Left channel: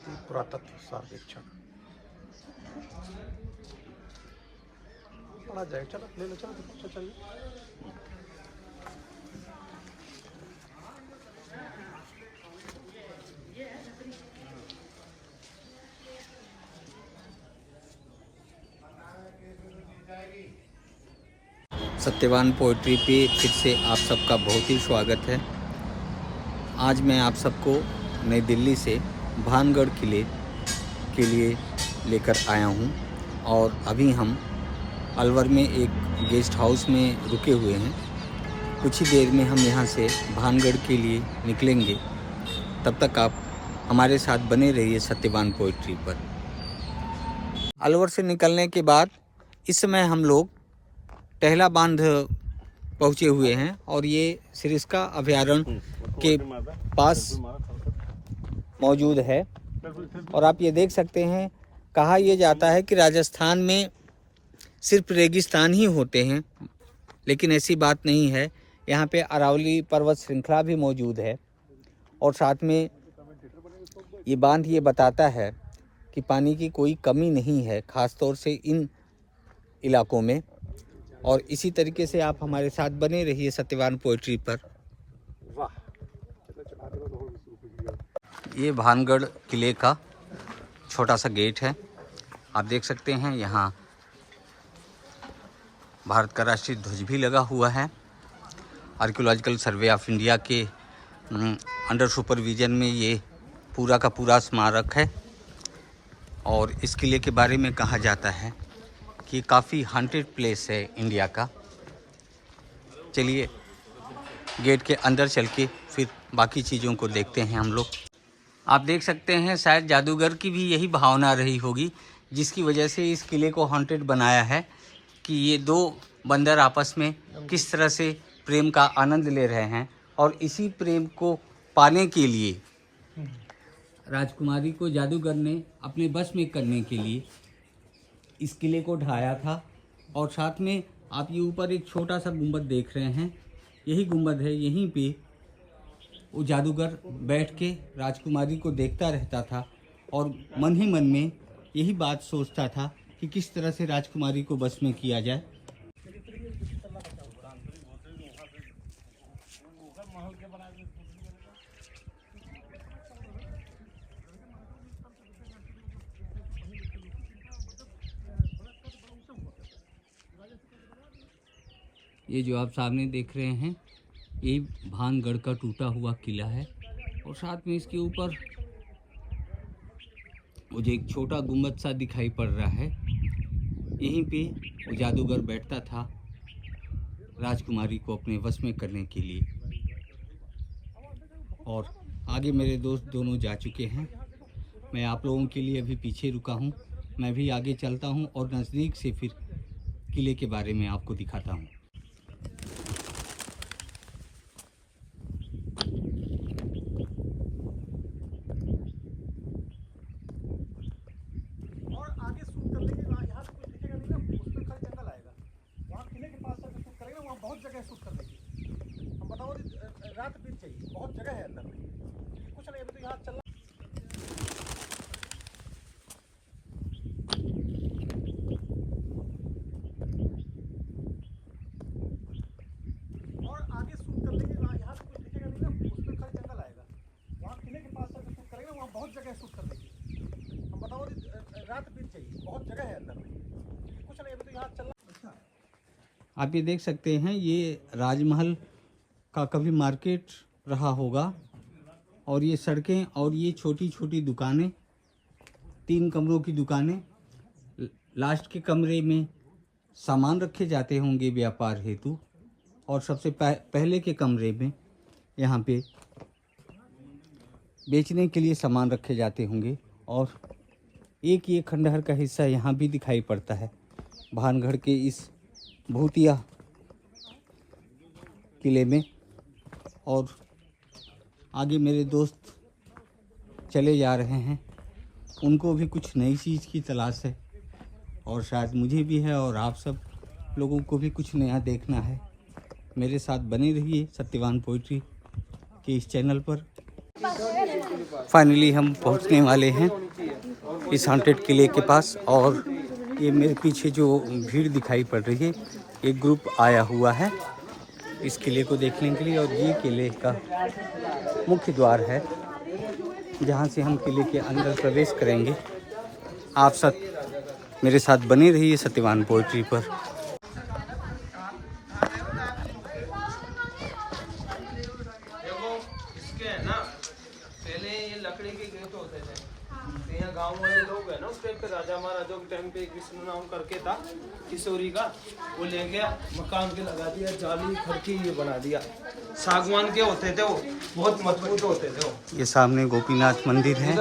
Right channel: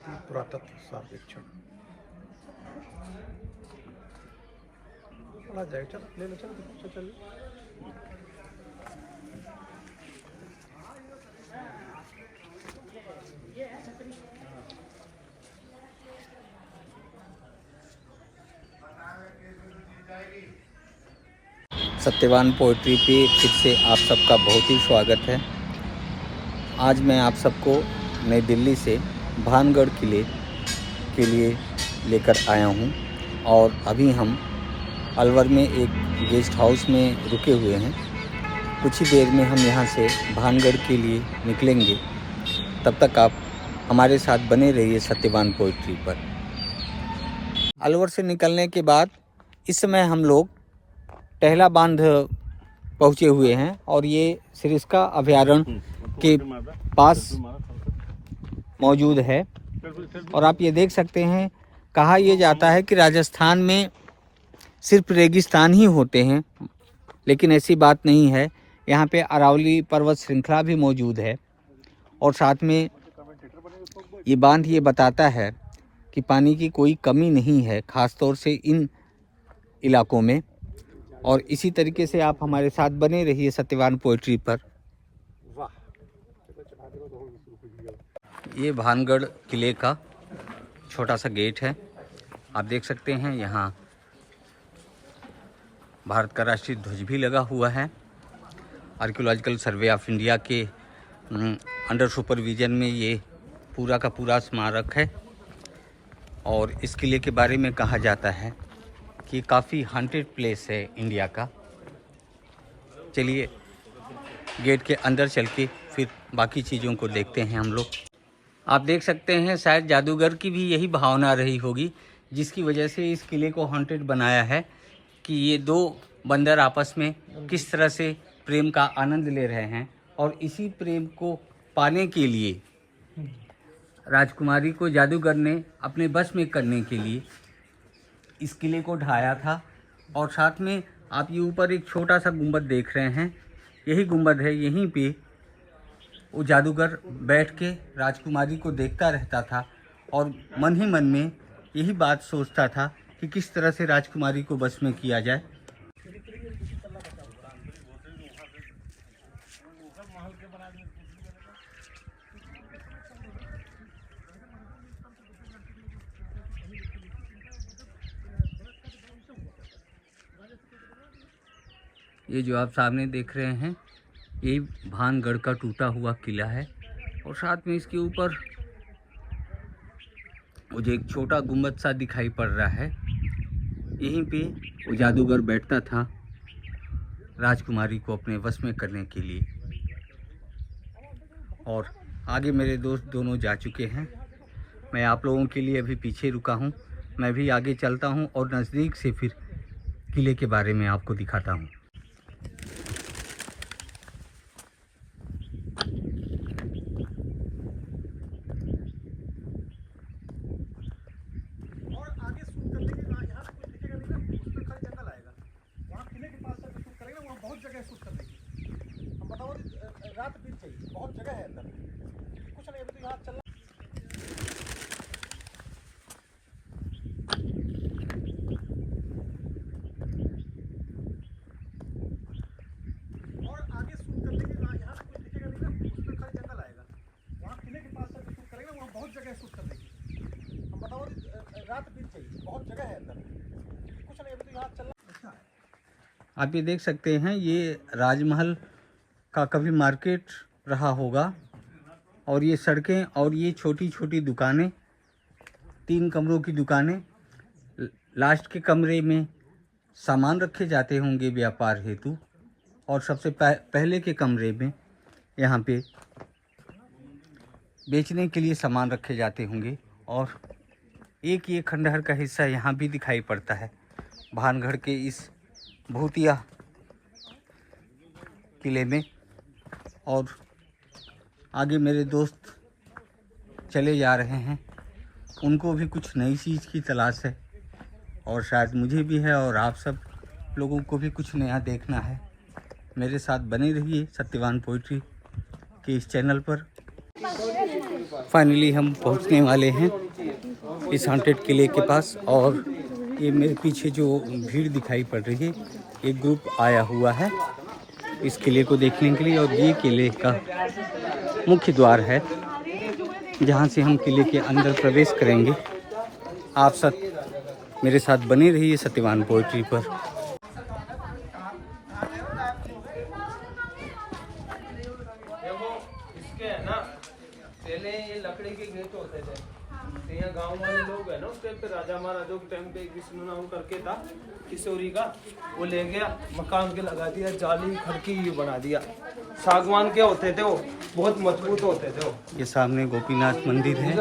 पुरातत्व सर्वेक्षण पढ़ा जाए। चलो ले लो, चलो देखो, चलिए। सत्यवान पोइट्री पे फिर से आप सबका बहुत ही स्वागत है। आज मैं आप सबको नई दिल्ली से भानगढ़ किले के लिए लेकर आया हूं और अभी हम अलवर में एक गेस्ट हाउस में रुके हुए हैं। कुछ ही देर में हम यहां से भानगढ़ के लिए निकलेंगे। तब तक आप हमारे साथ बने रहिए सत्यवान पोइट्री पर। अलवर से निकलने के बाद इस समय हम लोग टहला बांध पहुँचे हुए हैं और ये सरिस्का अभयारण्य के पास मौजूद है। और आप ये देख सकते हैं, कहा यह जाता है कि राजस्थान में सिर्फ रेगिस्तान ही होते हैं, लेकिन ऐसी बात नहीं है। यहाँ पे अरावली पर्वत श्रृंखला भी मौजूद है और साथ में ये बांध ये बताता है कि पानी की कोई कमी नहीं है, ख़ास तौर से इन इलाकों में। और इसी तरीके से आप हमारे साथ बने रहिए सत्यवान पोइट्री पर। ये भानगढ़ किले का छोटा सा गेट है। आप देख सकते हैं यहाँ भारत का राष्ट्रीय ध्वज भी लगा हुआ है। आर्कियोलॉजिकल सर्वे ऑफ इंडिया के अंडर सुपरविजन में ये पूरा का पूरा स्मारक है। और इस किले के बारे में कहा जाता है कि काफ़ी हॉन्टेड प्लेस है इंडिया का। चलिए गेट के अंदर चल के फिर बाकी चीज़ों को देखते हैं हम लोग। आप देख सकते हैं, शायद जादूगर की भी यही भावना रही होगी, जिसकी वजह से इस किले को हॉन्टेड बनाया है कि ये दो बंदर आपस में किस तरह से प्रेम का आनंद ले रहे हैं। और इसी प्रेम को पाने के लिए राजकुमारी को जादूगर ने अपने बस में करने के लिए इस किले को ढाया था। और साथ में आप ये ऊपर एक छोटा सा गुंबद देख रहे हैं, यही गुंबद है। यहीं पे वो जादूगर बैठ के राजकुमारी को देखता रहता था और मन ही मन में यही बात सोचता था कि किस तरह से राजकुमारी को बस में किया जाए। ये जो आप सामने देख रहे हैं, ये भानगढ़ का टूटा हुआ किला है। और साथ में इसके ऊपर मुझे एक छोटा गुंबद सा दिखाई पड़ रहा है। यहीं पे वो जादूगर बैठता था राजकुमारी को अपने वश में करने के लिए। और आगे मेरे दोस्त दोनों जा चुके हैं। मैं आप लोगों के लिए अभी पीछे रुका हूँ। मैं भी आगे चलता हूँ और नज़दीक से फिर किले के बारे में आपको दिखाता हूँ। रात बीत जाएगी, बहुत जगह है अंदर में। कुछ नहीं, अभी तो यहाँ चलना। और आगे शूट कर लेंगे, यहाँ से कुछ दिखेगा नहीं ना, उसमें खाली जंगल आएगा। वहाँ किले के पास से शूट करेंगे, वहाँ बहुत जगह शूट कर लेंगे। हम बताओ, रात बीत जाएगी, बहुत जगह है अंदर में। कुछ नहीं, अभी तो यहाँ चलना। आप ये देख सकते हैं, ये राजमहल का कभी मार्केट रहा होगा। और ये सड़कें और ये छोटी छोटी दुकानें, 3 कमरों की दुकानें। लास्ट के कमरे में सामान रखे जाते होंगे व्यापार हेतु। और सबसे पहले के कमरे में यहाँ पे बेचने के लिए सामान रखे जाते होंगे। और एक ये खंडहर का हिस्सा यहाँ भी दिखाई पड़ता है भानगढ़ के इस भूतिया किले में। और आगे मेरे दोस्त चले जा रहे हैं, उनको भी कुछ नई चीज़ की तलाश है और शायद मुझे भी है, और आप सब लोगों को भी कुछ नया देखना है। मेरे साथ बने रहिए सत्यवान पोइट्री के इस चैनल पर। फाइनली हम पहुंचने वाले हैं इस हॉन्टेड किले के पास। और ये मेरे पीछे जो भीड़ दिखाई पड़ रही है, एक ग्रुप आया हुआ है इस किले को देखने के लिए। और ये किले का मुख्य द्वार है जहाँ से हम किले के अंदर प्रवेश करेंगे। आप सब मेरे साथ बने रहिए सत्यवान पोएट्री पर। देखो इसके है ना, पहले ये लकड़ी के गेट होते थे, तो यहाँ गाँव वाले लोग है ना उस टाइम पे राजा महाराजा के टाइम पे कृष्ण नाम करके था किशोरी का, वो ले गया मकान के लगा दिया, जाली खड़की ये बना दिया। सागवान के होते थे, वो बहुत मजबूत होते थे वो। ये सामने गोपीनाथ मंदिर है।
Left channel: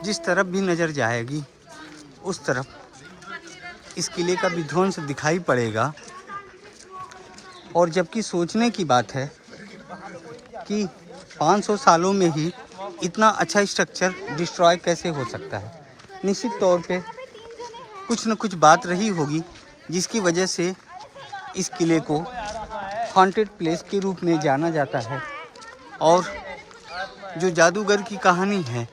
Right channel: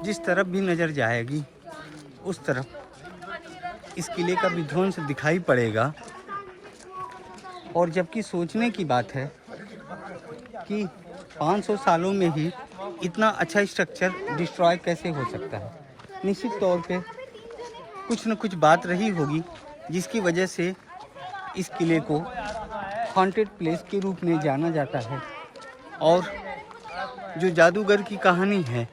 जिस तरफ भी नज़र जाएगी उस तरफ इस किले का विध्वंस दिखाई पड़ेगा। और जबकि सोचने की बात है कि 500 सालों में ही इतना अच्छा स्ट्रक्चर डिस्ट्रॉय कैसे हो सकता है। निश्चित तौर पे कुछ न कुछ बात रही होगी जिसकी वजह से इस किले को हॉन्टेड प्लेस के रूप में जाना जाता है। और जो जादूगर की कहानी है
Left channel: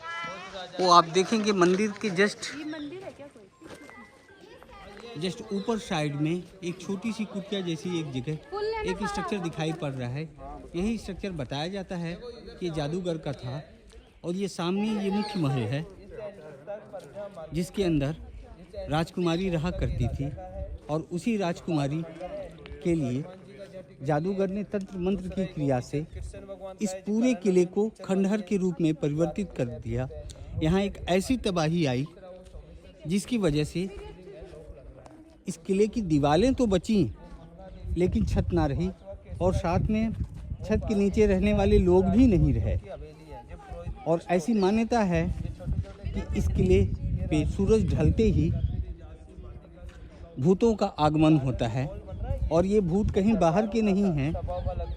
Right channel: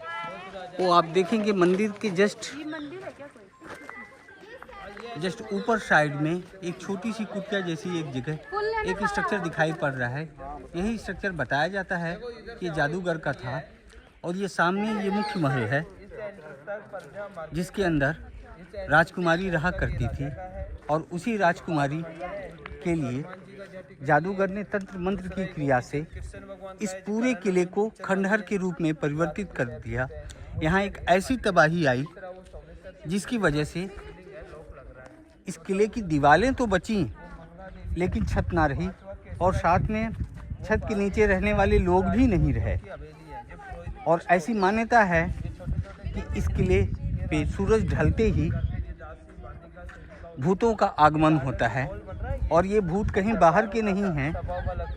वो आप देखेंगे मंदिर के जस्ट ऊपर साइड में एक छोटी सी कुटिया जैसी एक जगह एक स्ट्रक्चर दिखाई पड़ रहा है। यही स्ट्रक्चर बताया जाता है कि जादूगर का था। और ये सामने ये मुख्य महल है जिसके अंदर राजकुमारी रहा करती थी। और उसी राजकुमारी के लिए जादूगर ने तंत्र मंत्र की क्रिया से इस पूरे किले को खंडहर के रूप में परिवर्तित कर दिया। यहाँ एक ऐसी तबाही आई जिसकी वजह से इस किले की दीवारें तो बची लेकिन छत ना रही। और साथ में छत के नीचे रहने वाले लोग भी नहीं रहे। और ऐसी मान्यता है कि इस किले पे सूरज ढलते ही भूतों का आगमन होता है। और ये भूत कहीं बाहर के नहीं हैं,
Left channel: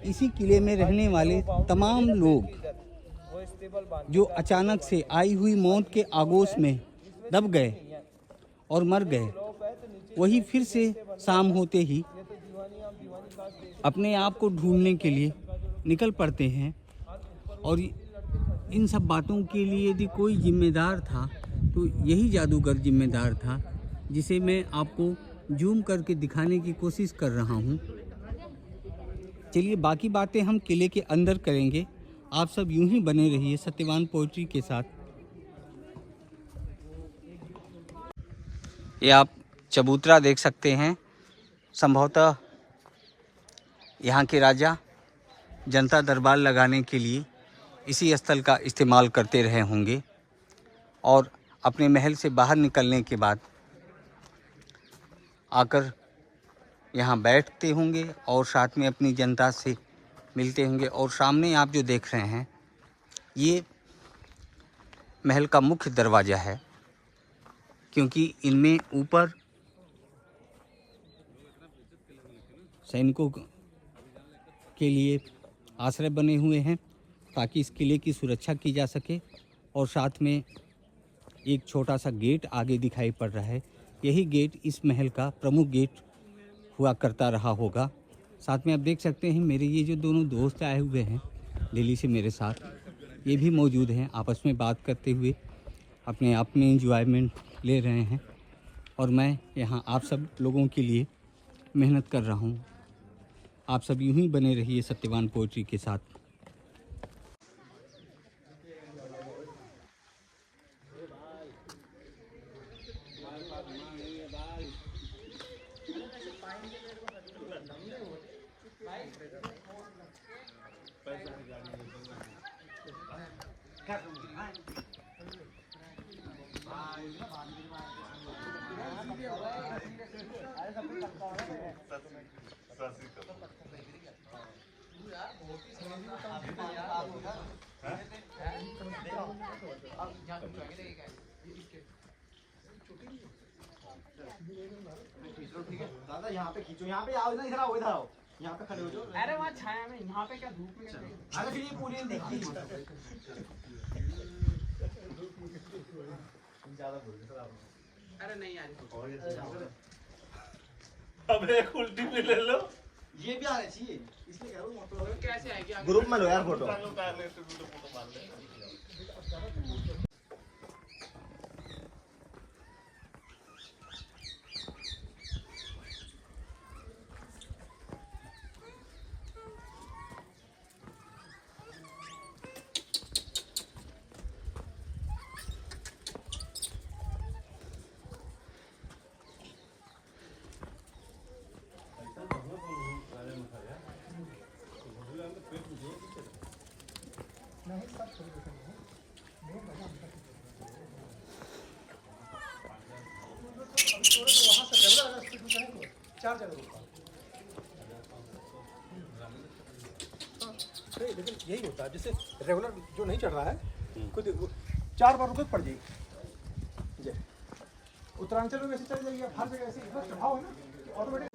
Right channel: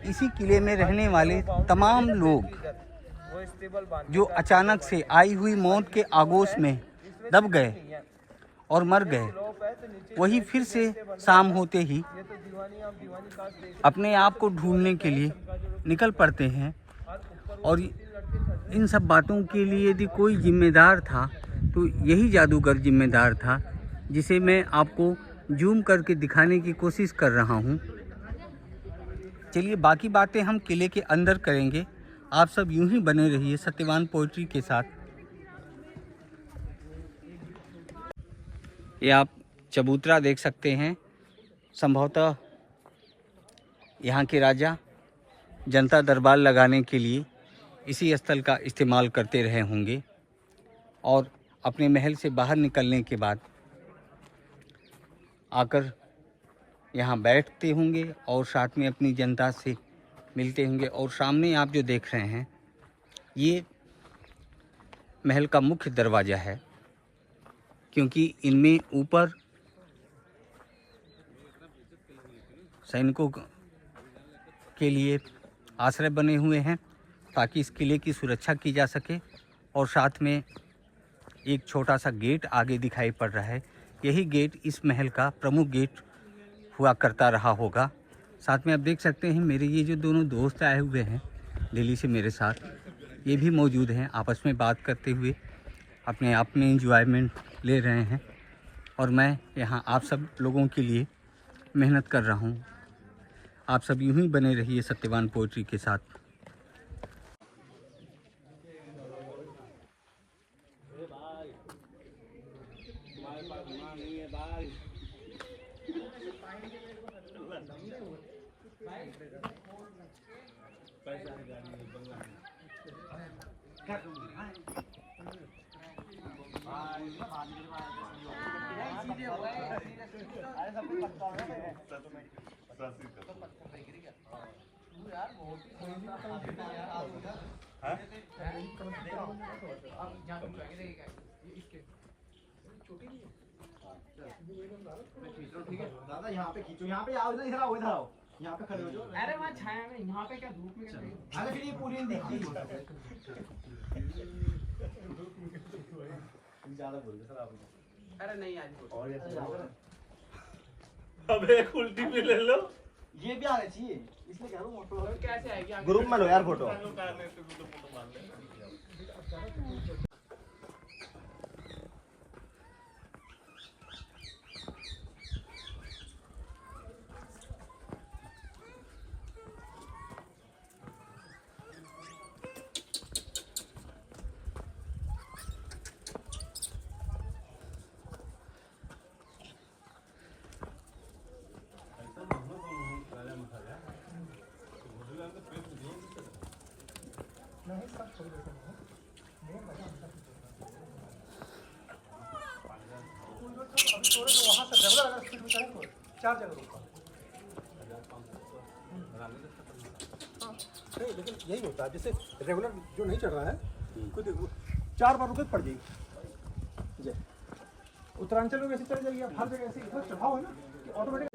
इसी किले में रहने वाले तमाम लोग जो अचानक से आई हुई मौत के आगोश में दब गए और मर गए, वही फिर से शाम होते ही अपने आप को ढूंढने के लिए निकल पड़ते हैं। और इन सब बातों के लिए यदि कोई जिम्मेदार था तो यही जादूगर जिम्मेदार था, जिसे मैं आपको जूम करके दिखाने की कोशिश कर रहा हूँ। चलिए बाकी बातें हम किले के अंदर करेंगे। आप सब यूं ही बने रहिए सत्यवान पोएट्री के साथ। ये आप चबूतरा देख सकते हैं। संभवतः यहाँ के राजा जनता दरबार लगाने के लिए इसी स्थल का इस्तेमाल करते रहे होंगे। और अपने महल से बाहर निकलने के बाद आकर यहाँ बैठते होंगे और साथ में अपनी जनता से मिलते होंगे। और सामने आप जो देख रहे हैं ये महल का मुख्य दरवाज़ा है, क्योंकि इनमें ऊपर सैनिकों के लिए आश्रय बने हुए हैं ताकि इस किले की सुरक्षा की जा सके। और साथ में एक छोटा सा गेट आगे दिखाई पड़ रहा है। यही गेट इस महल का प्रमुख गेट हुआ करता रहा होगा। साथ में आप देख सकते हैं मेरे ये जो दोनों दोस्त आए हुए हैं दिल्ली से मेरे साथ, ये भी मौजूद हैं। आपस में बात करते हुए अपने आप में एंजॉयमेंट ले रहे हैं। और मैं यहाँ आप सब लोगों के लिए मेहनत कर रहा हूँ। आप सब यूं ही बने रहिए सत्यवान पोएट्री के साथ। दादा यहाँ पे खींचो, यहाँ पे आओ, इधर आओ, इधर आओ, यहाँ पे खड़े हो जाओ। अरे वहाँ छाया में, यहाँ पे क्या धूप में क्या? अरे फिर ये पूरी दिखती है। ज्यादा बोल रहे सर आप। अरे नहीं आज अब एक उल्टी भी ले लो। ये भी आने चाहिए, इसमें कह रहा हूँ मोटो कैसे आएगी ग्रुप में लो यार फोटो। नहीं, लेकिन यही होता है, जैसे रेगुलर जो नहीं चढ़ रहा है कुछ 4 बार रुपये पड़ जाएगी। जय उत्तरांचल में वैसे चल जाएगी, हर जगह ऐसे इधर चढ़ाओ है ना ऑटोमेटिक।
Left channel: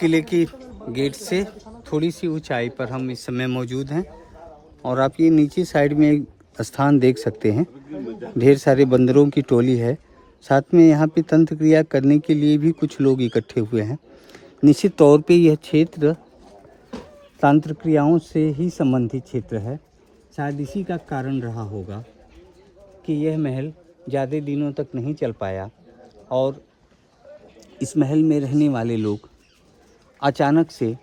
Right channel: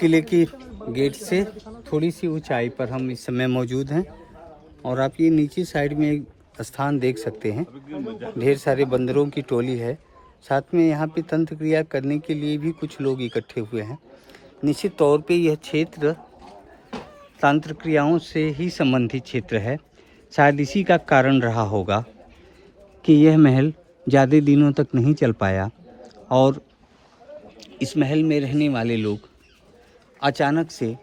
किले की गेट से थोड़ी सी ऊंचाई पर हम इस समय मौजूद हैं और आप ये नीचे साइड में एक स्थान देख सकते हैं। ढेर सारे बंदरों की टोली है, साथ में यहाँ पे तंत्र क्रिया करने के लिए भी कुछ लोग इकट्ठे हुए हैं। निश्चित तौर पे यह क्षेत्र तंत्र क्रियाओं से ही संबंधित क्षेत्र है। शायद इसी का कारण रहा होगा कि यह महल ज़्यादा दिनों तक नहीं चल पाया और इस महल में रहने वाले लोग अचानक से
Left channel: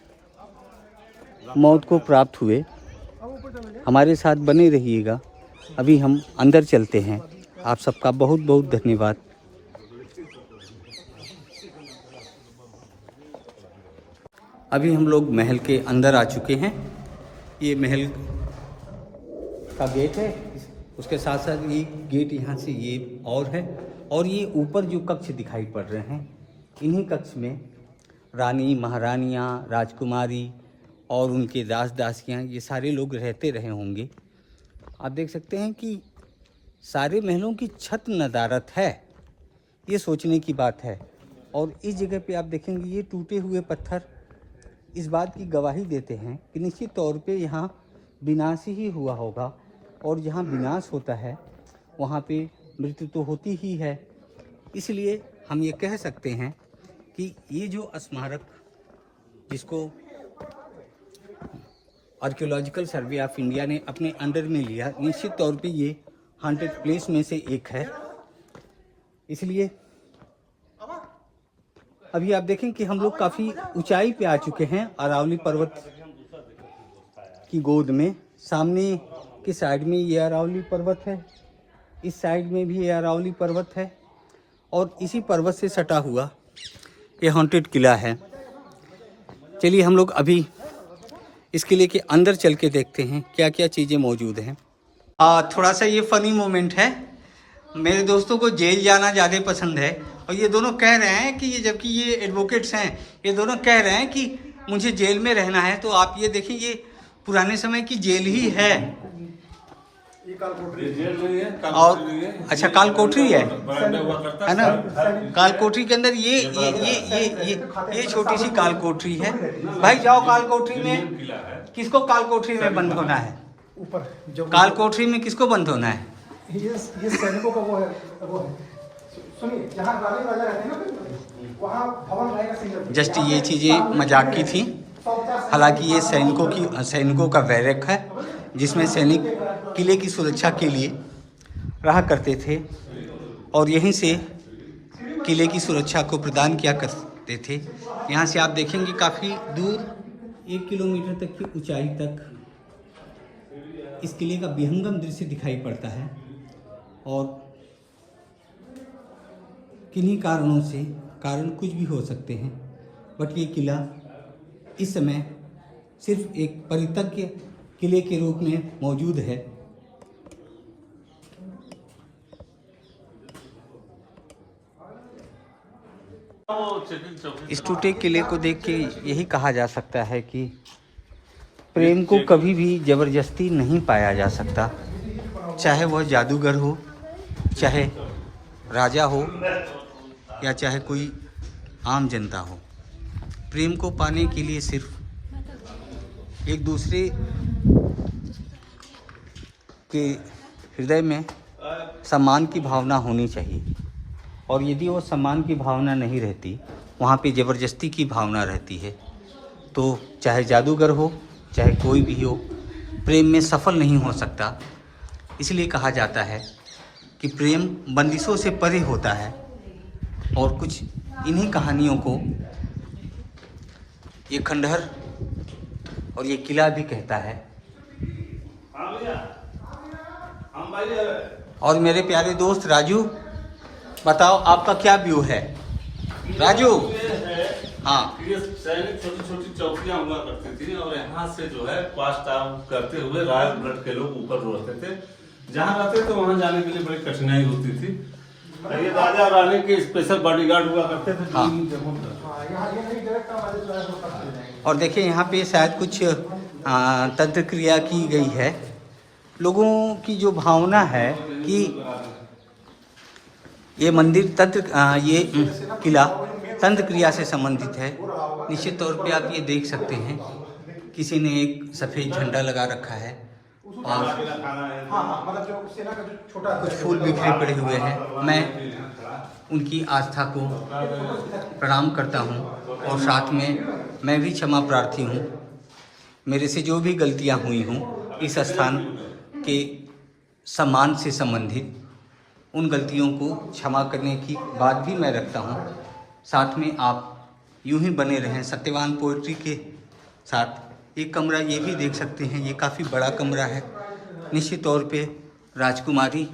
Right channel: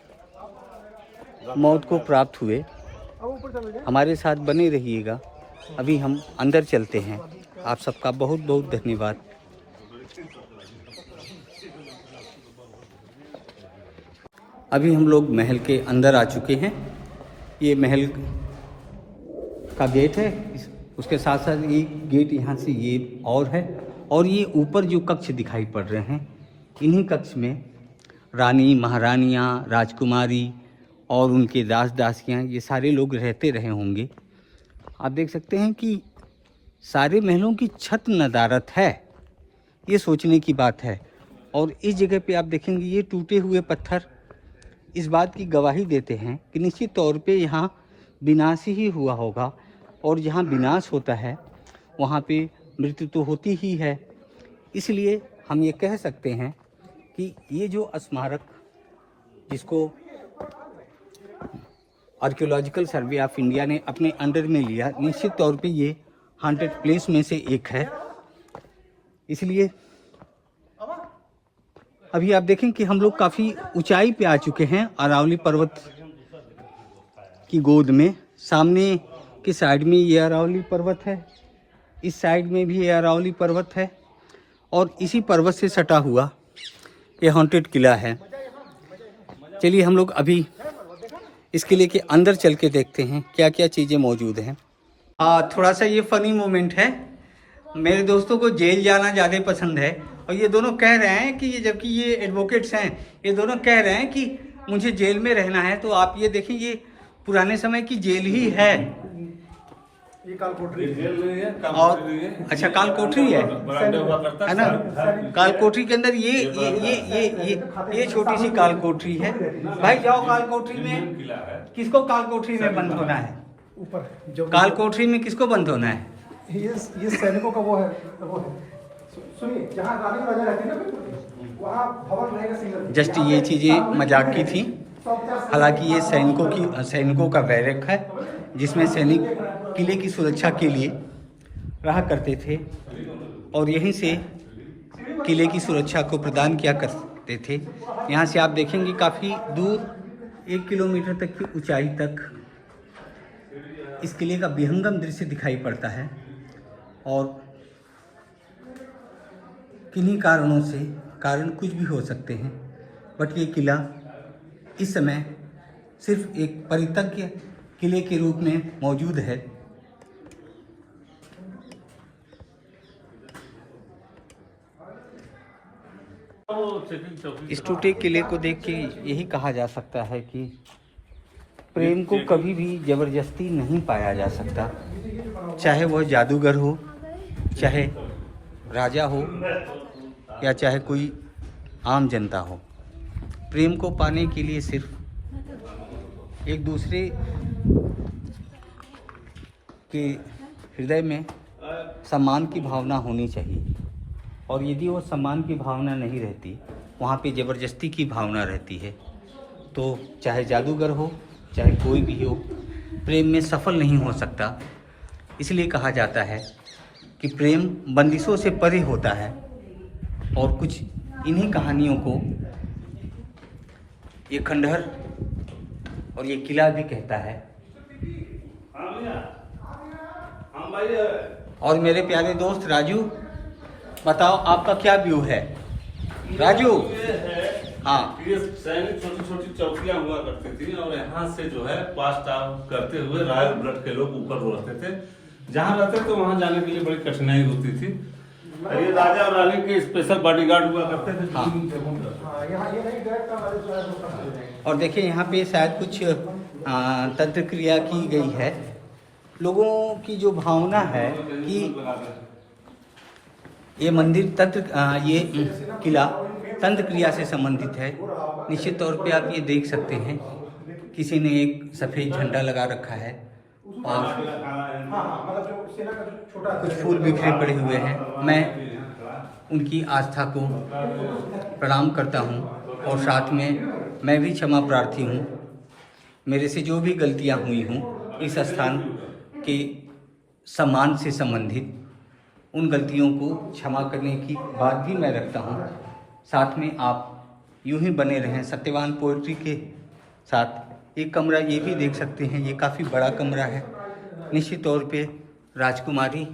मौत को प्राप्त हुए। हमारे साथ बने रहिएगा, अभी हम अंदर चलते हैं। आप सबका बहुत बहुत धन्यवाद। अभी हम लोग महल के अंदर आ चुके हैं। ये महल का गेट है, उसके साथ साथ ये गेट यहाँ से ये और है, और ये ऊपर जो कक्ष दिखाई पड़ रहे हैं, इन्हीं कक्ष में रानी, महारानियाँ, राजकुमारी और उनके दास दासियाँ, ये सारे लोग रहते रहे होंगे। आप देख सकते हैं कि सारे महलों की छत नदारत है, ये सोचने की बात है। और इस जगह पे आप देखेंगे ये टूटे हुए पत्थर इस बात की गवाही देते हैं कि निश्चित तौर पे यहाँ विनाश ही हुआ होगा, और जहाँ विनाश होता है वहाँ पे मृत्यु तो होती ही है। इसलिए हम ये कह सकते हैं कि ये जो स्मारक, जिसको आर्कियोलॉजिकल सर्वे ऑफ इंडिया ने अपने अंडर में लिया, निश्चित तौर पे ये हॉन्टेड प्लेस में से एक है। इसलिए अभी आप देखें कि हम लोग काफ़ी ऊंचाई पे आ चुके हैं अरावली पर्वत की गोद में। सामने की साइड में ये अरावली पर्वत है, इस साइड में भी ये अरावली पर्वत है, और इसी पर्वत से सटा हुआ ये हॉन्टेड किला है। चलिए हम लोग अभी इस किले के अंदर चल के देखते हैं क्या क्या चीज़ें मौजूद हैं। थोड़ा सा ये फ़नी मोमेंट है। मेरे दोस्तों को जेल जाना ज़्यादा पसंद है, और ये दोनों कह रहे हैं कि ये, जबकि ये एडवोकेट्स हैं, ये दोनों कह रहे हैं कि मुझे जेल में रहना है। तो आप ये देखें, ये पुराने समय की जेल ही है। ये काल कोठरी जेल नहीं है, और अच्छा, काल कोठरी है ना। काल कोठरी के अंदर ये छोटी सी काल कोठरी है। भाई जाओ काल कोठरी में, किसको काल कोठरी में बंद होना है? ऊपर जो काल कोठरी में किसको बंद होना है? ये सैनिकों का वो है। सुनिए, जहाँ रानी राजा रहते हैं ना, वहाँ भवन रहेगा सिंगल। जस्ट ये चीज़ें मजाक की थी। हालांकि ये सैनिकों का बैरक है, जिसमें सैनिक किले की सुरक्षा के लिए रहा करते थे, और यहीं से किले की सुरक्षा को प्रदान किया करते थे। यहाँ से आप देखेंगे काफ़ी दूर 1 किलोमीटर तक की ऊंचाई तक इस किले का विहंगम दृश्य दिखाई पड़ता है। और किन्हीं कारणों से, कारण कुछ भी हो सकते हैं, बट ये किला इस समय सिर्फ एक परित्यक्य किले के रूप में मौजूद है। इस टूटे किले को देख के यही कहा जा सकता है कि प्रेम को कभी भी जबरदस्ती नहीं पाया जा सकता, चाहे वह जादूगर हो, चाहे राजा हो, या चाहे कोई आम जनता हो। प्रेम को पाने के लिए सिर्फ एक दूसरे के हृदय में सम्मान की भावना होनी चाहिए। और यदि वो सम्मान की भावना नहीं रहती, वहाँ पे ज़बरदस्ती की भावना रहती है, तो चाहे जादूगर हो चाहे कोई भी हो, प्रेम में सफल नहीं हो सकता। इसलिए कहा जाता है कि प्रेम बंदिशों से परे होता है। और कुछ इन्हीं कहानियों को ये खंडहर और ये किला भी कहता है। और मेरे प्यारे दोस्त राजू, बताओ आपका क्या व्यू है? राजू, हाँ, ये सैनिक छोटी छोटी चौकियां हुआ करती थी और यहाँ से जो है पास टाउन करते हुए रॉयल ब्लड के लोग ऊपर रहते थे। जहाँ रहते तो वहाँ जाने के लिए बड़ी कठिनाई होती थी। ये राजा और रानी के स्पेशल बॉडीगार्ड हुआ करते थे। हाँ। और देखिए यहाँ पे शायद कुछ तंत्र क्रिया की गई है। लोगों की जो भावना है कि ये मंदिर ये किला तंत्र क्रिया से संबंधित है। निश्चित तौर पे आप ये देख सकते हैं, किसी ने एक सफ़ेद झंडा लगा रखा है और कुछ फूल बिखरे पड़े हुए हैं। मैं उनकी आस्था को प्रणाम करता हूँ और साथ में मैं भी क्षमा प्रार्थी हूँ। मेरे से जो भी गलतियाँ हुई हों इस स्थान के सम्मान से संबंधित, उन गलतियों को क्षमा करने की बात भी मैं रखता हूँ। साथ में आप यूं ही बने रहें सत्यवान पोएट्री के साथ। एक कमरा ये भी देख सकते हैं, ये काफ़ी बड़ा कमरा है। निश्चित तौर पे राजकुमारी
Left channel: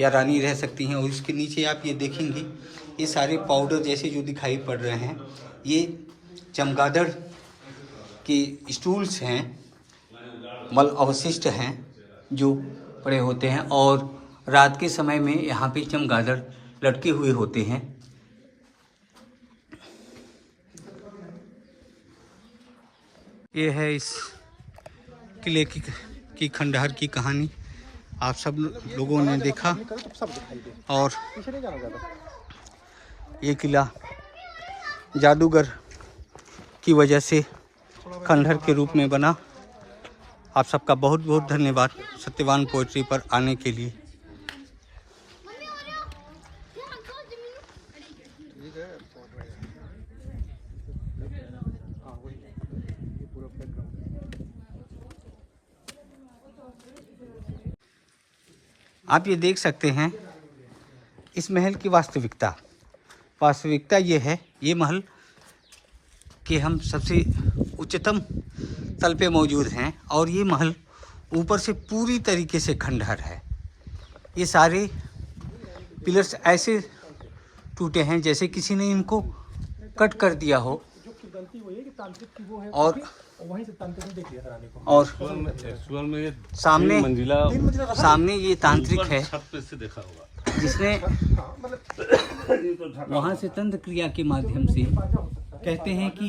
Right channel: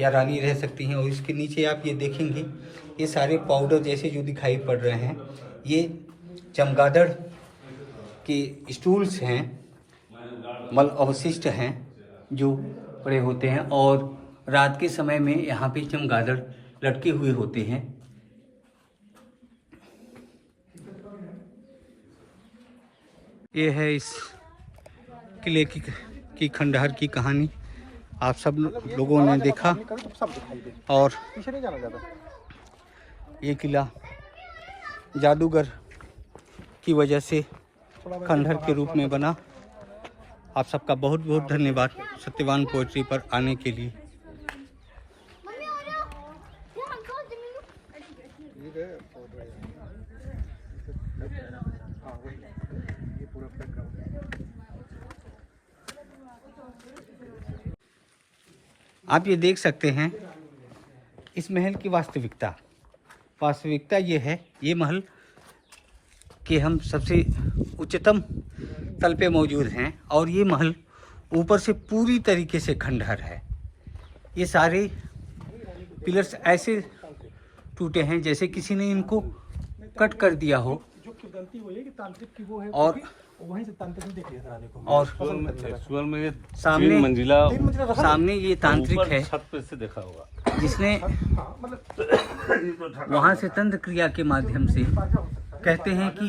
या रानी रह सकती हैं। और इसके नीचे आप ये देखेंगे, ये सारे पाउडर जैसे जो दिखाई पड़ रहे हैं, ये चमगादड़ के स्टूल्स हैं, मल अवशिष्ट हैं जो पड़े होते हैं। और रात के समय में यहाँ पे चमगादड़ लटके हुए होते हैं। ये है इस किले की खंडहर की कहानी। आप सब लोगों ने देखा। और ये किला जादूगर की वजह से खंडहर के रूप में बना। आप सबका बहुत बहुत धन्यवाद सत्यवान पोएट्री पर आने के लिए। आप ये देख सकते हैं इस महल की वास्तविकता ये है, ये महल के हम सबसे उच्चतम तल पे मौजूद हैं और ये महल ऊपर से पूरी तरीके से खंडहर है। ये सारे पिलर्स ऐसे टूटे हैं जैसे किसी ने इनको कट कर दिया हो। और एक्चुअल में ये सामने ये तांत्रिक है छत पे से देखा होगा, जिसने वहाँ से तंत्र क्रिया के माध्यम से कहते हैं कि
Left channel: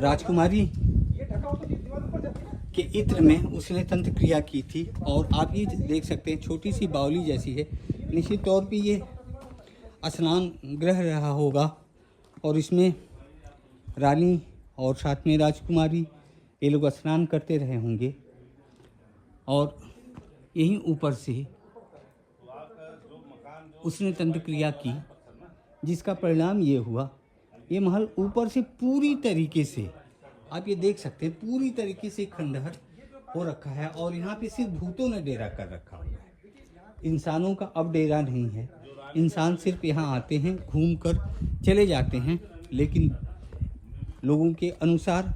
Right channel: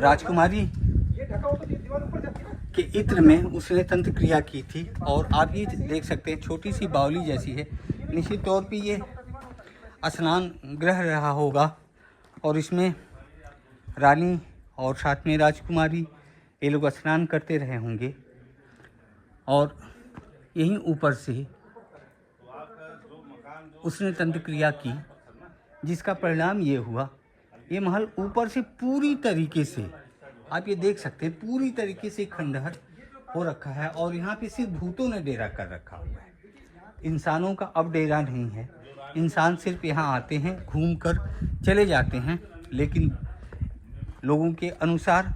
राजकुमारी के इत्र में उसने तंत्र क्रिया की थी। और आप ये देख सकते हैं छोटी सी बावली जैसी है। निश्चित तौर पे ये स्नान गृह रहा होगा और इसमें रानी और साथ में राजकुमारी ये लोग स्नान करते रहे होंगे। और यहीं ऊपर से उसने तंत्र क्रिया की, जिसका परिणाम ये हुआ, ये महल ऊपर से पूरी तरीके से आप ये देख सकते हैं पूरी तरीके से खंडहर हो रखा है। और यहाँ पे सिर्फ भूतों ने डेरा कर रखा हुआ है, इंसानों का अब डेरा नहीं है। इंसान सिर्फ यहाँ आते हैं, घूम कर चले जाते हैं। लेकिन लोगों के अनुसार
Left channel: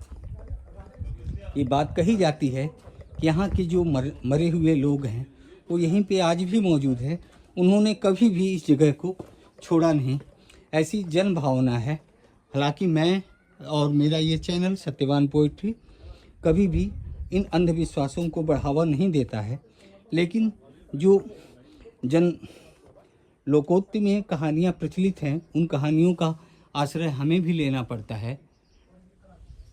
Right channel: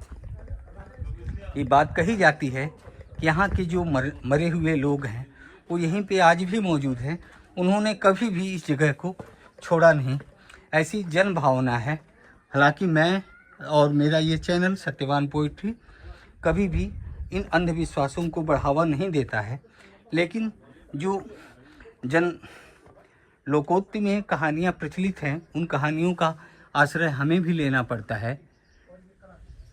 ये बात कही जाती है कि यहाँ के जो मरे हुए लोग हैं वो यहीं पे आज भी मौजूद है। उन्होंने कभी भी इस जगह को छोड़ा नहीं, ऐसी जन भावना है। हालांकि मैं और मेरा ये चैनल सत्यवान पोएट्री कभी भी इन अंधविश्वासों को बढ़ावा नहीं देता है, लेकिन जो जन लोकोक्ति में कहानियाँ प्रचलित हैं, उन कहानियों का आश्रय हमें भी लेना पड़ता है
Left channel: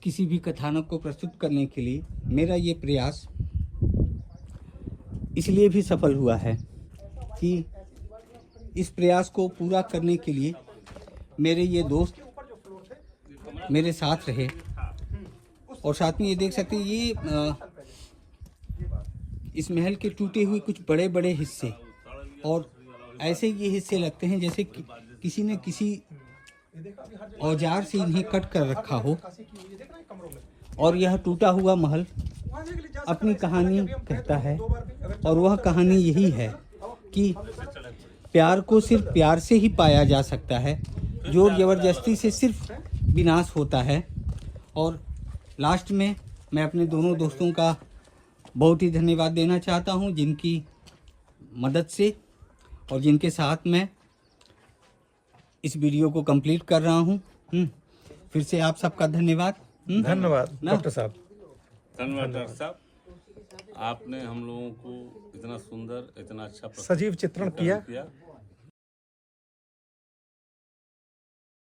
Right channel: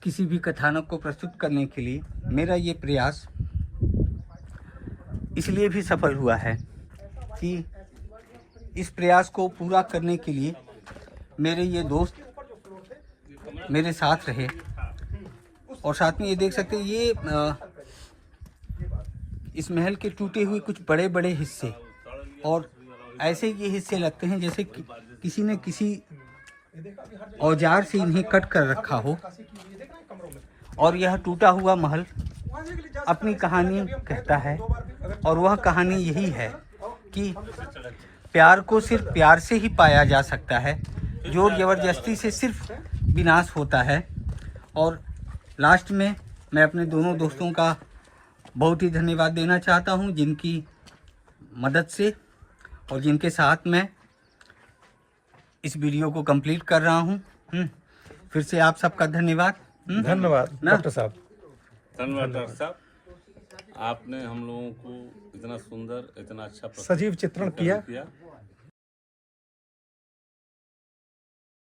किसी भी कथानक को प्रस्तुत करने के लिए। मेरा ये प्रयास इसलिए भी सफल हुआ है कि इस प्रयास को पूरा करने के लिए मेरे ये दोस्त मेरे साथ रहे। और साथ में ये देख सकते हैं ये इस महल के टूटे हुए कुछ बड़े बड़े हिस्से और ऐसे ये हिस्से लगते हैं जैसे किसी ने किसी ये देखो अभी हर जगह औजार से इन्हें कट कर रखा हो। खांसी की हुई है, देख रहे हैं कमरों में। और यह टूटा हुआ महल वहाँ जाके ले जा सकते अपनी हैं, कहानी हालांकि अभी हम कहता गए थे है, दो बार भी, अगर और वह कहानी यही है कि प्यार को सिर्फ प्यार से ही पाया जा सकता है, जोर जबरदस्ती से सिर्फ विनाश होता है। और लास्ट में मैं अपने दोनों दोस्तों का बहुत ही धन्यवाद देना चाहता हूं, जिनकी मदद से और जिनके साथ मैं इस वीडियो को कंप्लीट कर रहा हूं। फिर से आप सबका धन्यवाद। धन्यवाद ना? डॉक्टर साहब। धन्यवाद डॉक्टर साहब, आपने हम लोगों को इतना सुंदर, इतना अच्छा सजीव चित्रण किया।